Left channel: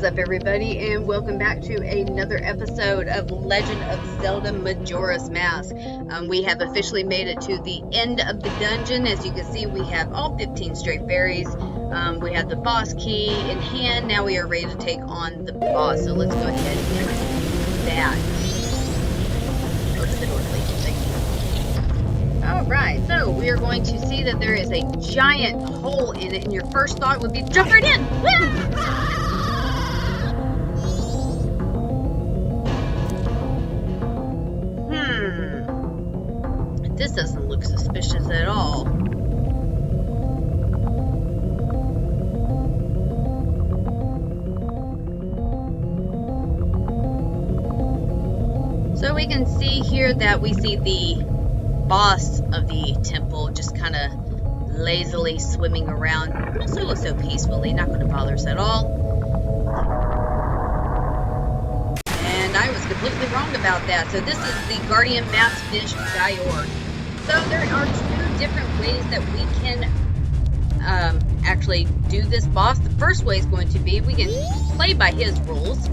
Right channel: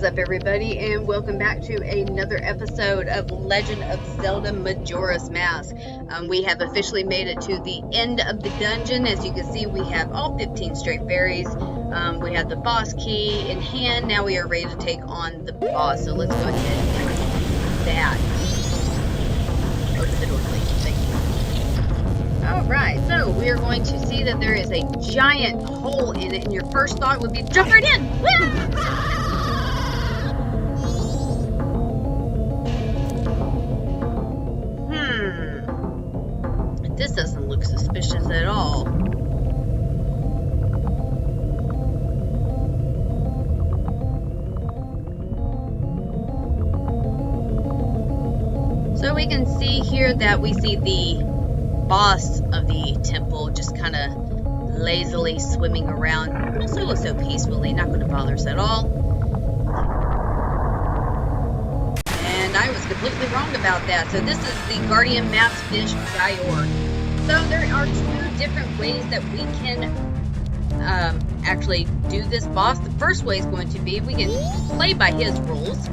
is up, everybody, and welcome back to another episode of Legend of Zelda Majora's Mask. We have officially made it to the end of the dungeon. As you can see, we have all 15 straight fairies. We have the boss key in hand. Now we are ready to take on the boss. So let's go ahead and do that. Open the door, please. Thank you. Alright, so we are going to see that there is a giant hole in it, and your first thought would be jump right in! This doesn't look suspicious at all. So we can see here that we see the boss of the temple just kind of lazily swimming around so peacefully, not going to bother us at all. And I was completely wrong about that. So this is the Guardian Masked Fish Gyorg. So there are two different ways that we can actually do this boss. The first way is going to be we can play by his rules,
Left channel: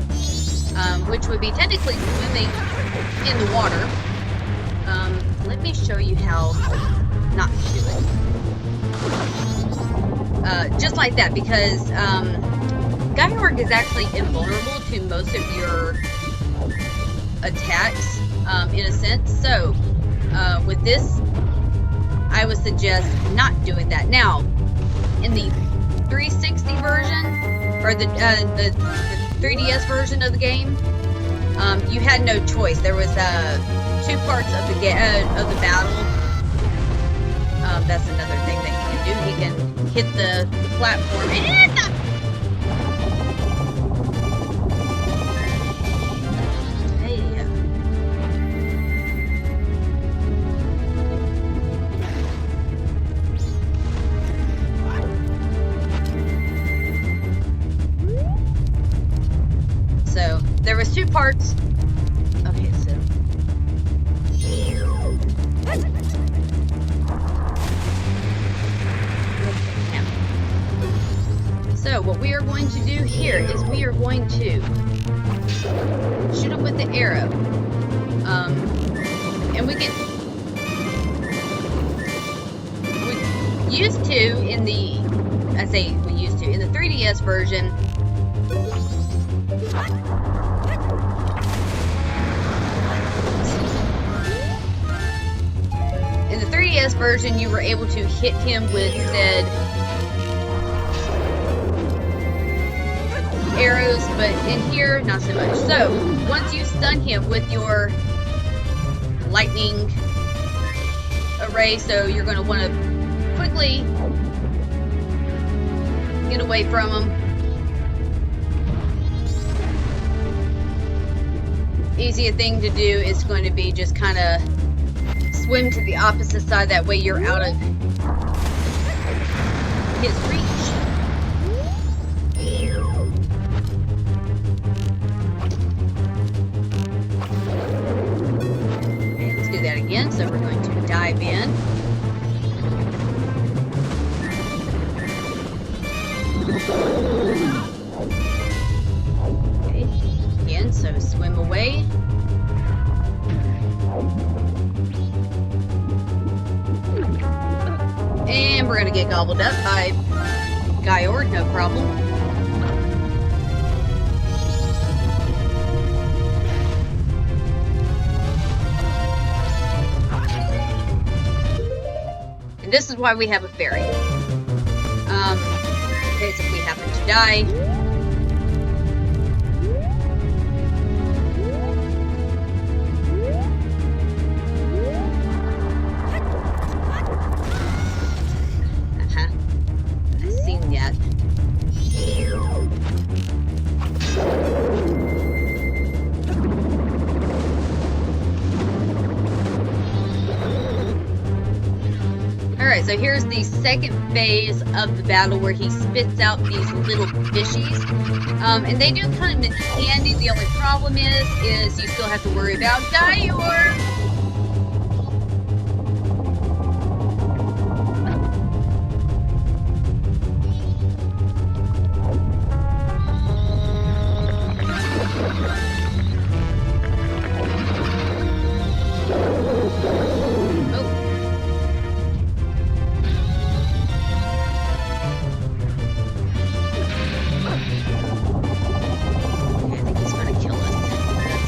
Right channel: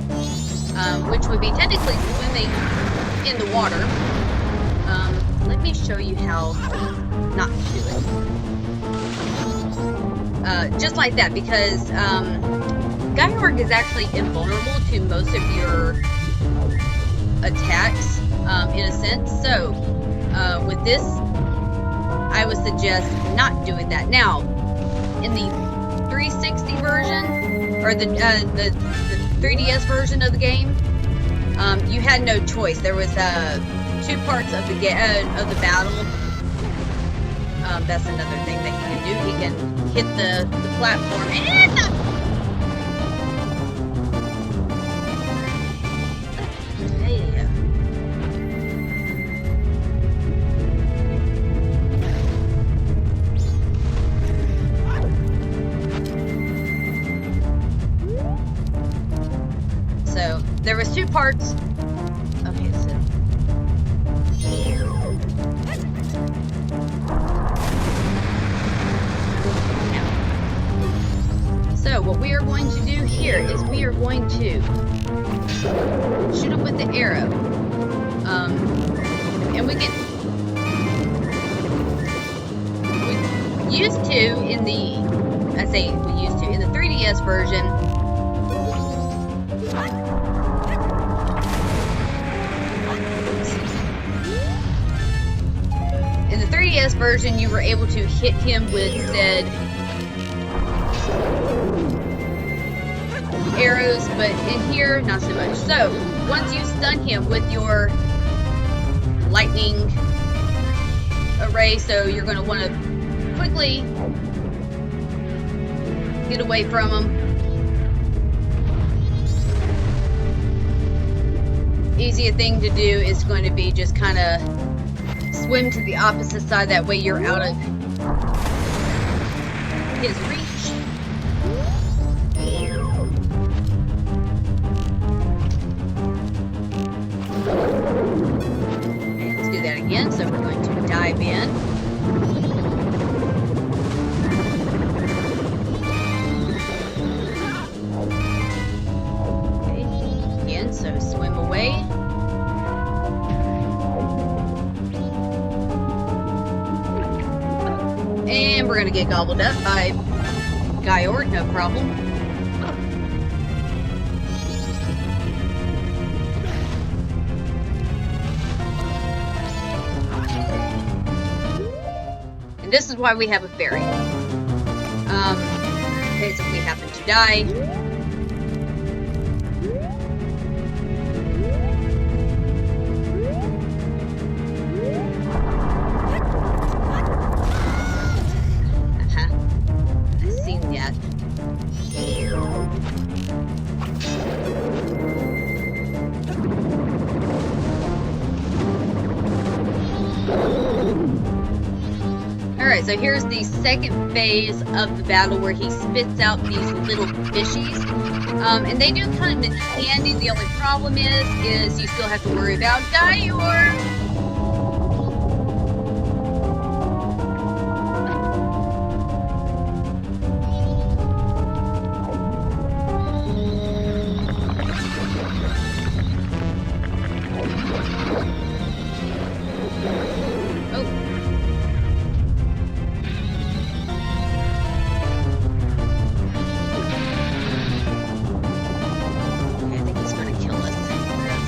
which would be technically swimming in the water. Let me show you how not to do it. Just like that, because Gyorg is actually invulnerable to most of your attacks, in a sense. So, with this, I would suggest not doing that. Now, in the 360 version, or the 3DS version of the game, you had no choice. There was two parts of the battle. That's another thing that he can do. He can hit the platform and hey. So there was two parts. Okay, so So what we are going to do here is we are going to shoot him with the arrow. And we used to in the 3DS version, in the 3DS version, you were able to hit him with said arrows, but in here, not so much. So, once you stun him with your lightning array, so you're going to want to quickly get away from him. Easier thing to do is going to be just kind of swim to the opposite side. That way you're out of his reach. Okay, let's do that again. So we're going to dive in. Okay, again, so swim away. And we're going to get gobbled up by Gyorg, no problem. And this is why we have a fairy. In case if we happen to die. I've seen that. Alright, so here's the second phase of the battle where he spits out these little fishies. And they do come in handy. The only problem is you still have to worry about Gyorg.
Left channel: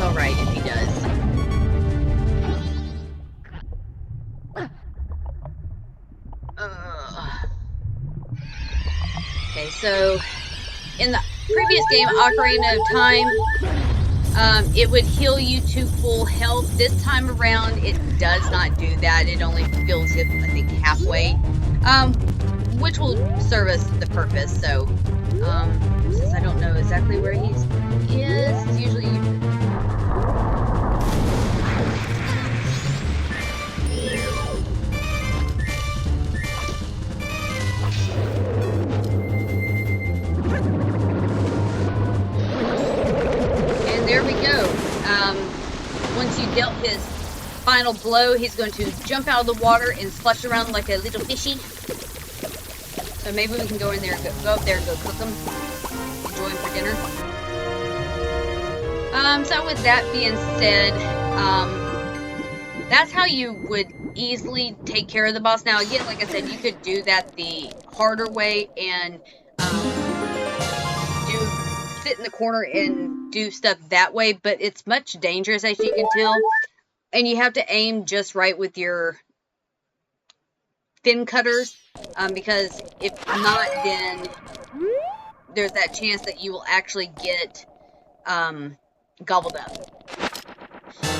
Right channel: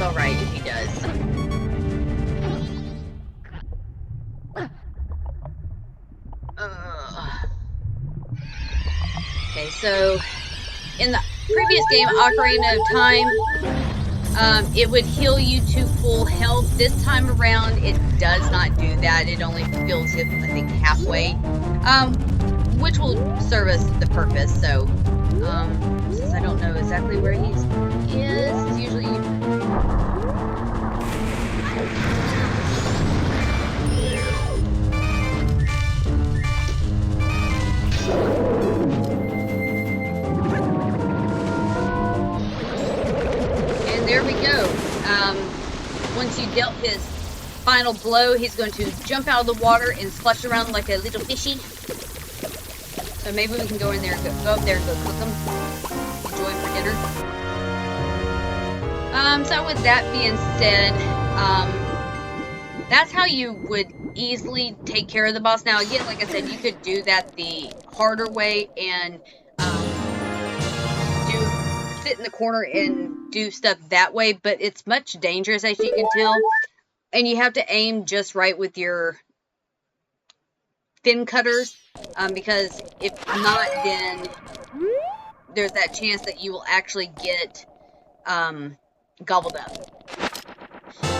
alright if he does. Okay, so in the previous game, Ocarina of Time, it would heal you to full health. This time around, it does not do that. It only fills it, I think, halfway, which will serve us the purpose. So, since I don't know exactly where he is, it's usually... And there we go. Once you dealt his final blow, he's going to jump out of the water and splash around like a little fishy. So maybe we can go in there and go up there and go cook them. Enjoy them for dinner. So with that being said, that's how you would easily take care of the boss. Now again, like I said, you could do that the harder way and sit in the corner and do stuff that way, but it's much dangerous, as you can tell, and you have to aim just right with your fin cutters, because if not, then there's that chance that you will actually get gobbled up.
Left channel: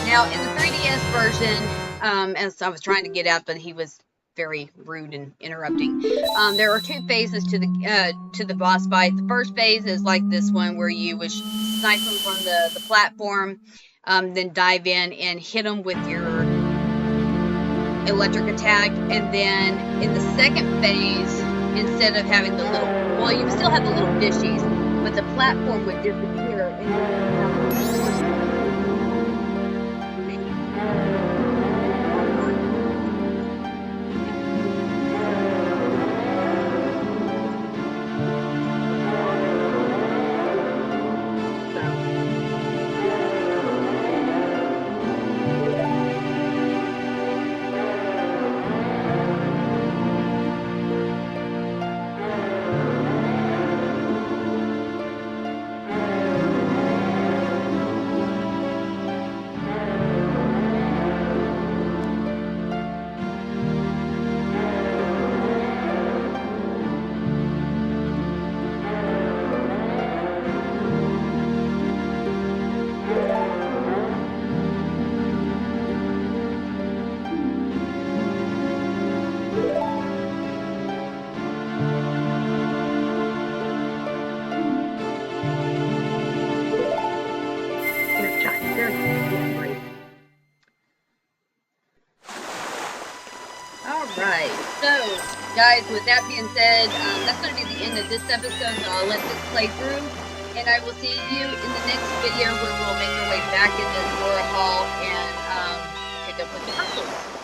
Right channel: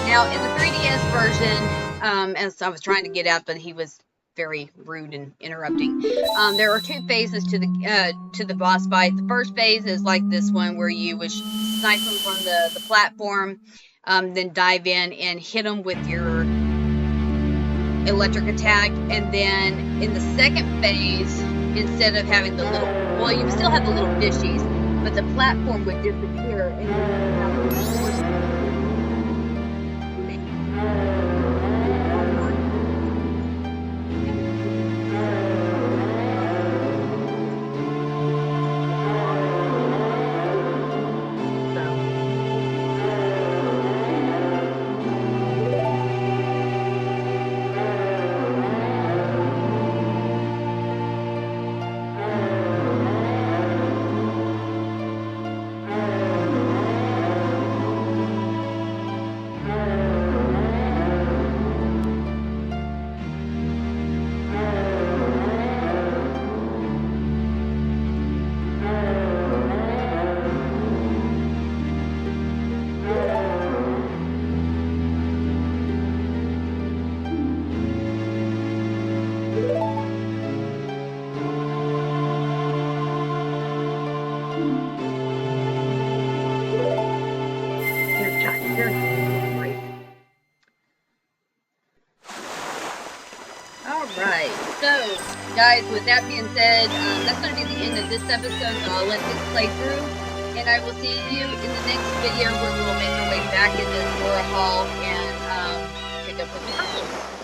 Now in the 3DS version, as I was trying to get out, but he was very rude and interrupting. There are two phases to the boss fight. The first phase is like this one, where you would snipe him from the platform, then dive in and hit him with your electric attack. And then in the second phase, instead of having the little, well, you would still have the little fishies, but the platform would disappear, and you would have Alright, so guys, with that being said, that's going to be the end of this episode, so I'll let this play through, and I will see you in the next video where we'll make our way back into Majora Hall and pick up with the crystals.